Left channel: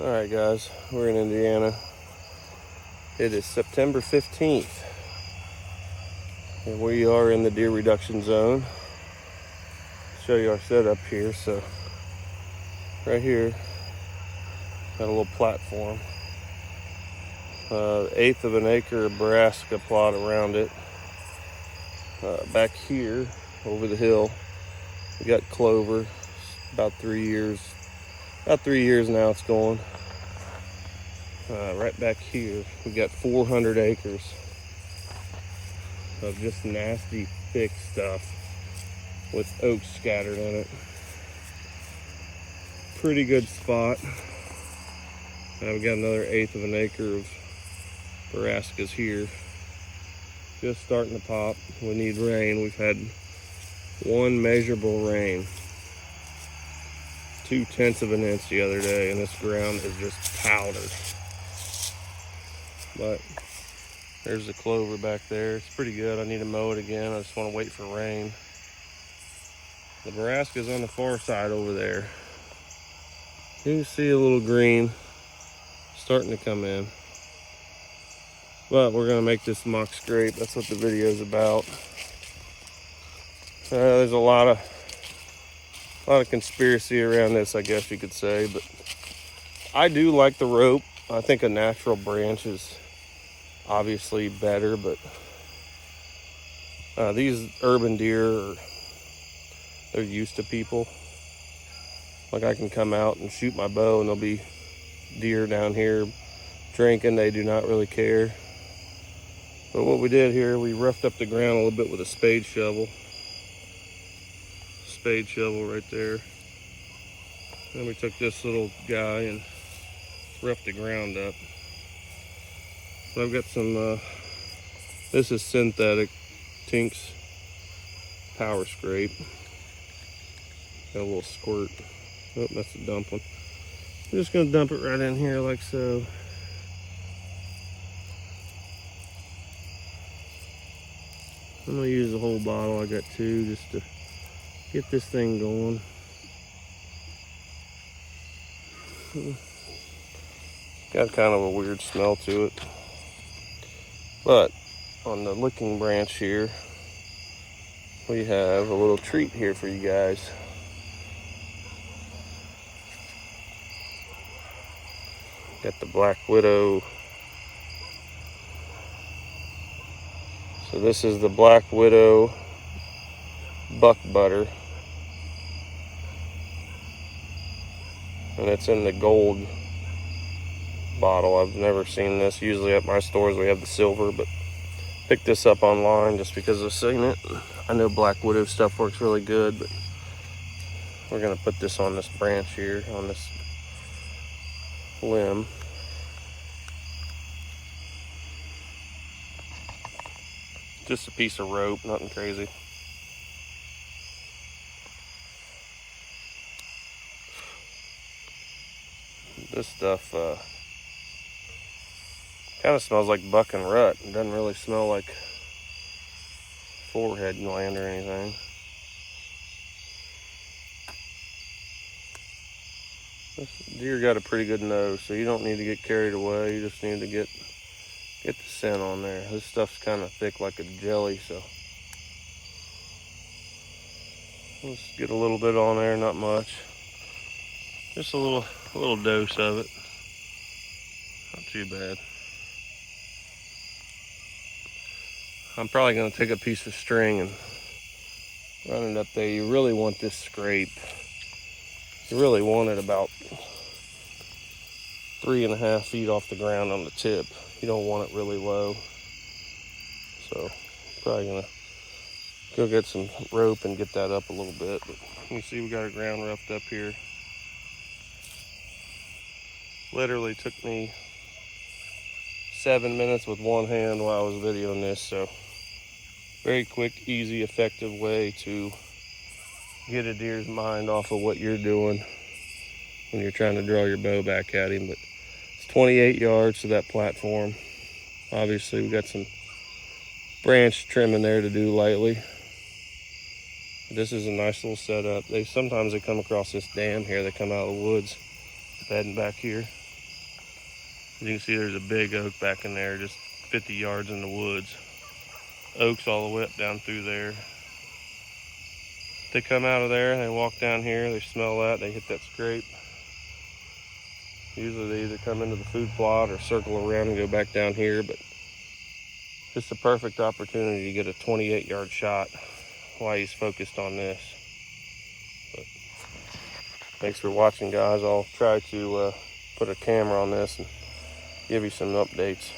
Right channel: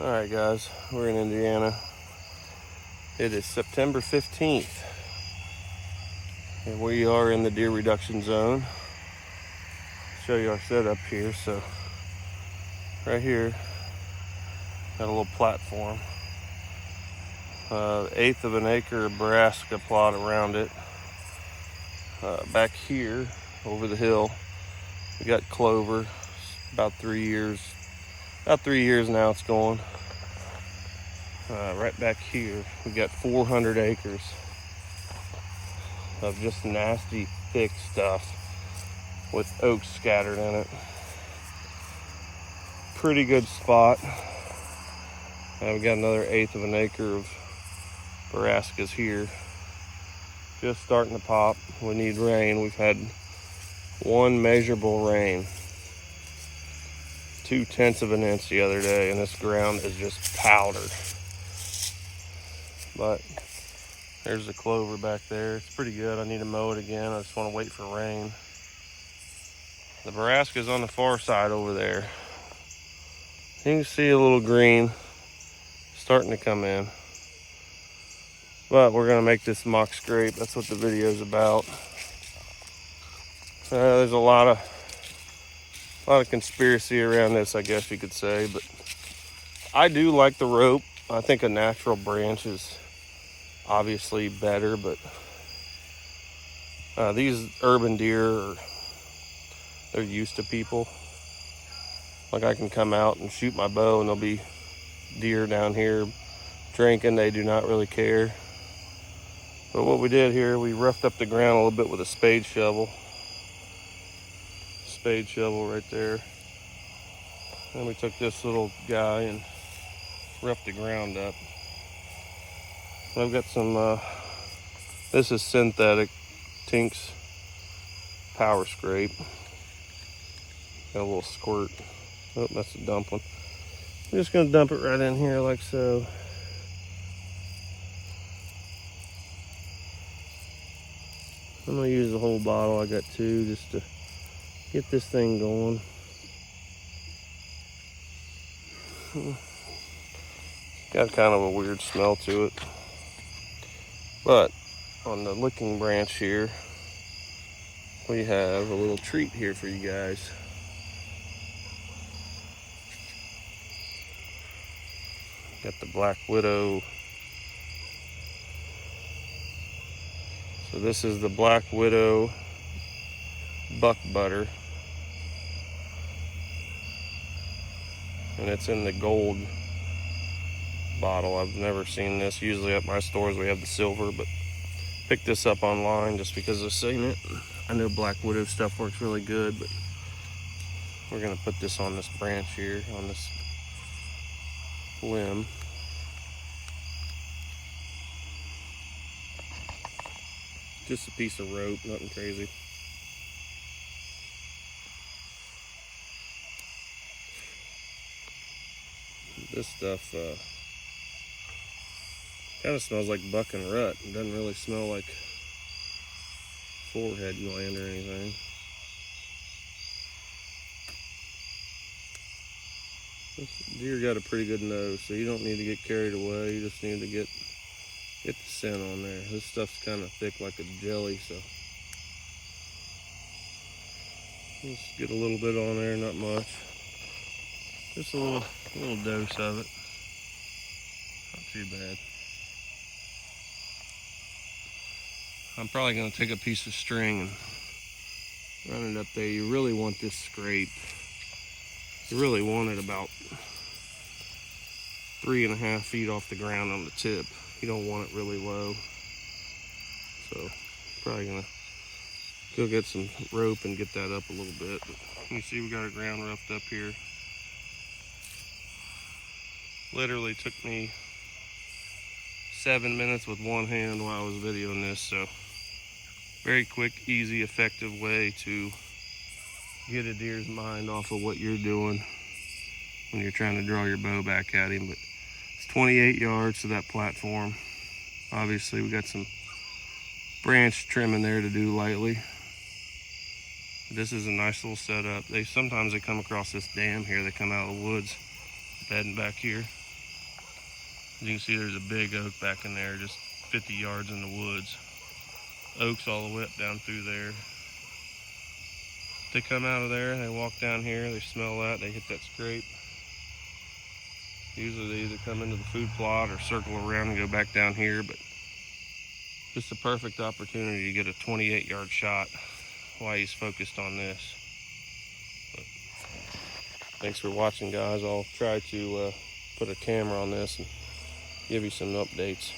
All right, guys, we're in Indiana. It is September 15th, and we are in the deer reduction zone. Show you our setup here. So right here, got a little platform. 1/8 of an acre of brassica plot around it. Back here, over the hill, we got clover. About 3 years. About 3 years now it's going. Right back here, we got 400 acres of just nasty, thick stuff with oaks scattered in it. Pretty good spot. We got another 1/8 of an acre of brassicas here. Just starting to pop. We need rain. We've had one measurable rain. 0.2 of an inch the other day, and this ground is just powdered. But there's the clover back there. It's pretty good. I need to mow it again. I just want to wait for rain. The brassica is on the far side over there. You can see a little green starting to come in. But we're going to make this mock scrape. That's what the video is about. There's a lot of conspiracy around this, I guess you could say. But I do like the rope. I think a natural branch is obviously better, but these urban deer, they're used to people. Like, I can come out and shoot my bow and there'll be deer down here drinking. They do not really care. But what we did here, we roughed up the ground a little bit with a spade shovel. Spade shovel right there. Then we took this little guy and roughed the ground up. I've got some, this is synthetic Tinks power scrape. Got a little squirt. Oh, that's a dump one. I'm just gonna dump it right in here like so. I'm gonna use the whole bottle. I got 2 just to get this thing going. Got kind of a weird smell to it. But on the licking branch here, we have a little treat here for you guys. Got the Black Widow. So this is the Black Widow buck butter. And it's in the gold bottle. I've never seen this. Usually at my stores we have the silver, but picked this up online just because of Signet. I know Black Widow stuff works really good, but we're gonna put this on this branch here, on this limb. Just a piece of rope, nothing crazy. This stuff kind of smells like buck and rut. It doesn't really smell like forehead gland or anything. This deer got a pretty good nose, so you don't need to get carried away. You just need to get the scent on there. This stuff's kind of thick like a jelly, so let's get a little bit on there, not much. Just a little dose of it. Not too bad. I'm probably going to take a piece of string and run it up there. You really want this scrape. You really want it about 3.5 feet off the ground on the tip. You don't want it really low. So probably going to go get some rope and get that up a little bit. But you see we got our ground roughed up here. Literally took me 7 minutes with one hand while I was videoing this. So very quick, easy, effective way to get a deer's mind off of what you're doing when you're trying to draw your bow back at him. But it's 28 yards to that platform. Obviously we got some branch trimming there to do lightly. This is a nice little setup. Sometimes they come across this dam here. They come out of the woods, bedding back here. As you can see, there's a big oak back in there, just 50 yards in the woods. Oaks all the way up down through there. They come out of there, they walk down here, they smell that, they hit that scrape. Usually they either come into the food plot or circle around and go back down here, but this is a perfect opportunity to get a 28-yard shot while he's focused on this. But thanks for watching, guys. I'll try to put a camera on this and give you some updates.